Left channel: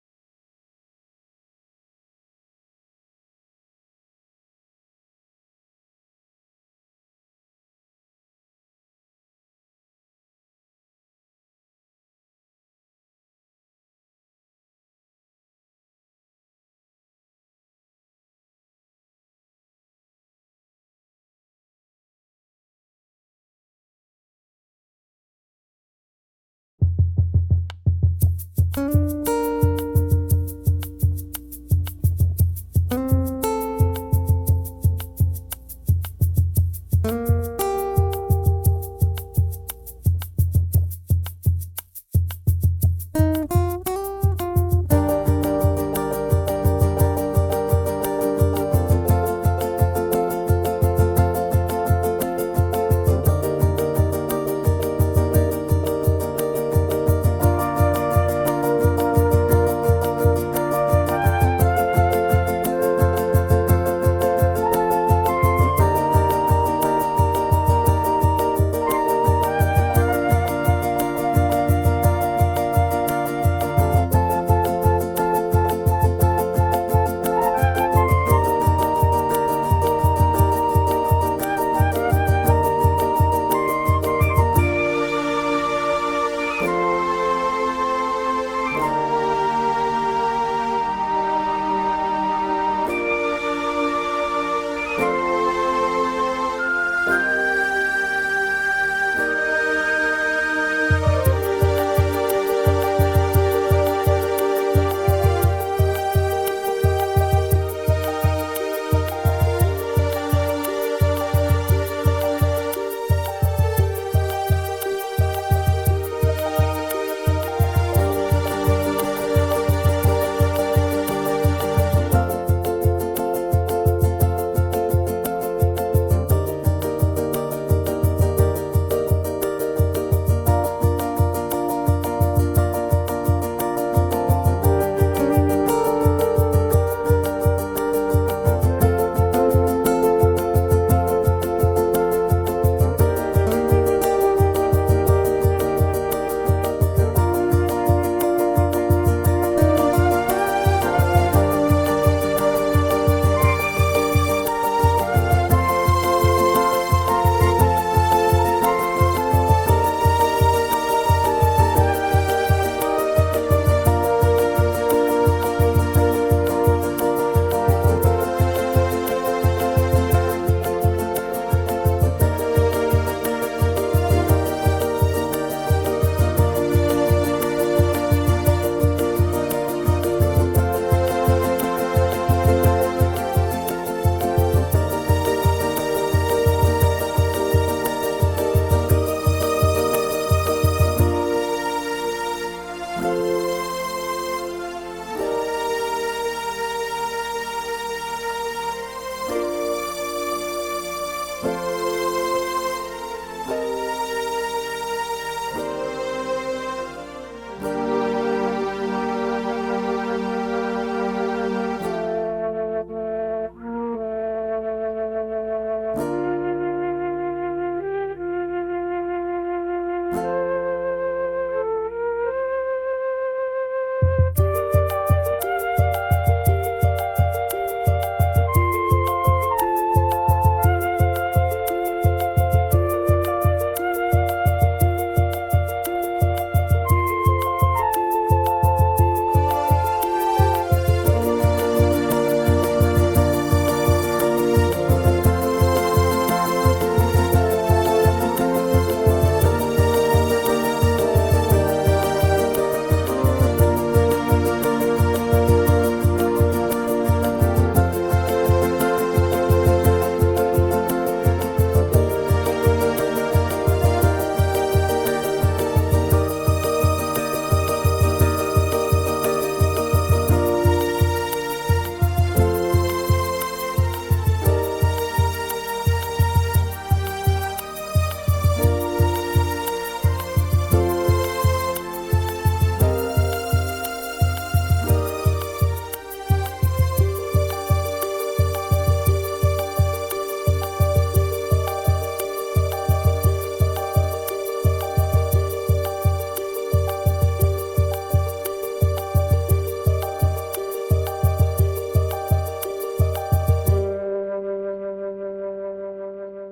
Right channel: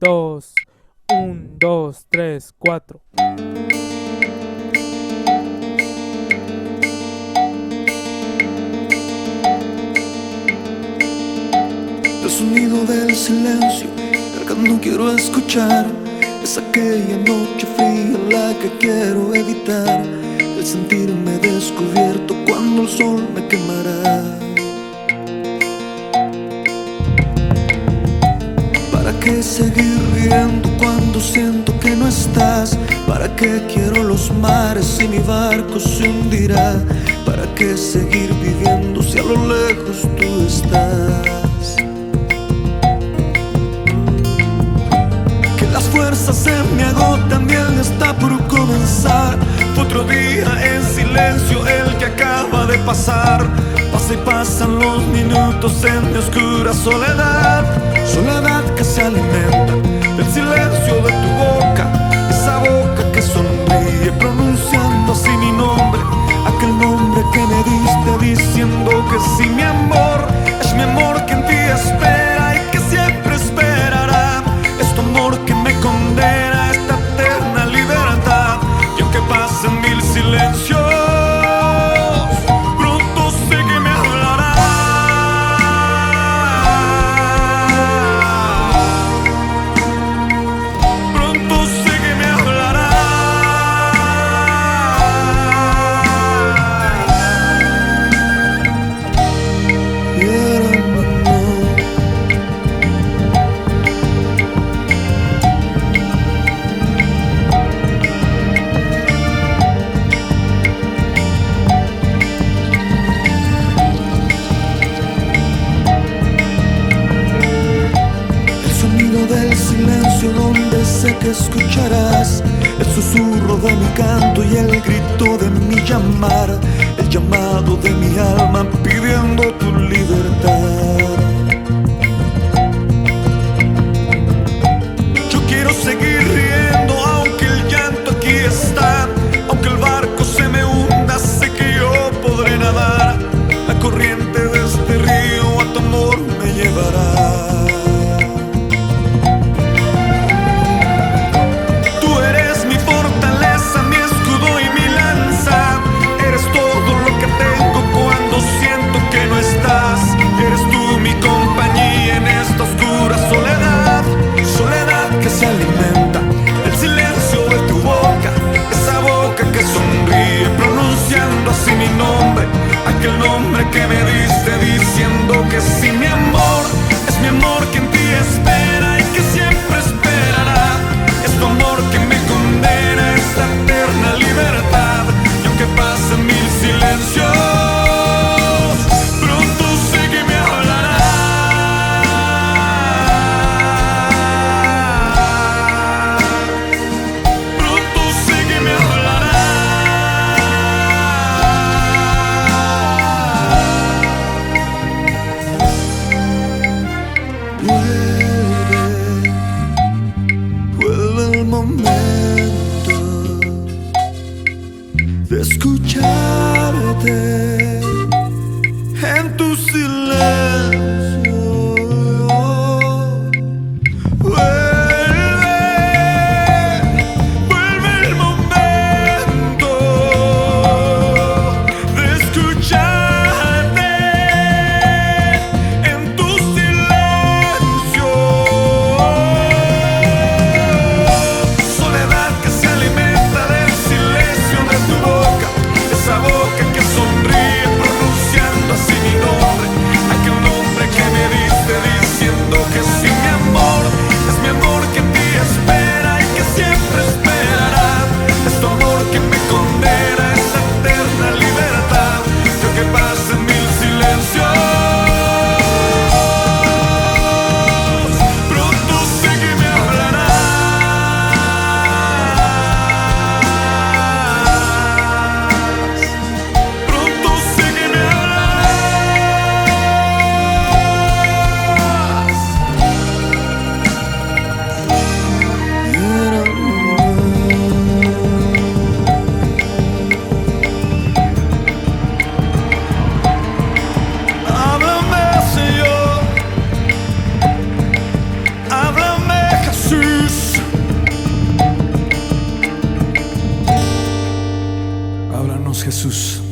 dos, un, dos, tres, cuatro. El sonido del silencio, el que no quiero escuchar, es aquella noche fría la que quiero evitar. El sentirme descubierto cuando el sol me quemará. ¿Para qué seguir riendo cuando siento que no estás? ¿Para qué quiero los mares si mi barco se hundirá? ¿Para qué seguir viviendo si a lo lejos tú estás? Que las fuerzas se me agotan y el día está por comenzar. Otro día en silencio el que acaba de pasar. Pasa y pasan los minutos en mi oscura soledad. Soledad que se alimenta del silencio de tu boca, esa boca que sonríe pronunciando así mi nombre, aquel nombre que me diste diciendo que sí, mi amor, es mi amor que en ti espera y que siempre esperará. Es tu amor que me condena a esta eterna libertad. Y aunque pasen mil silencios, pronto sé que me hablará. Pronto sé que me hablará. Y era mi amor. El sonido del silencio donde sé que escucharás el susurro de mi canto y el grito de mi llamar, el llamado de mi alma pidiendo tu libertad. Yo quiero seguir riendo aunque el llanto aquí está, aunque el barco se me hunda, sé que yo podré nadar. La corriente de este río a tu amor me llevará. Tú eres mi fortaleza, mi escudo y mi lanza. Eres todo lo que tengo cuando siento que no estás. Eres tú mi compañía en esta oscura soledad. Soledad que se alimenta del silencio de tu boca, esa boca que sonríe pronunciando así mi nombre, aquel nombre que me diste diciendo que sí, mi amor, es mi amor que en ti espera y que siempre esperará. Es tu amor que me condena a esta eterna libertad. Y aunque pasen mil silencios, pronto sé que me hablará. Pronto sé que me hablará. Vuelve el momento de escucharte en tu silencio. Vuelve el momento de escucharte en tu silencio. Soledad que se alimenta del silencio de tu boca, esa boca que sonríe pronunciando así mi nombre, aquel nombre que me diste diciendo que sí, mi amor, es mi Jesús.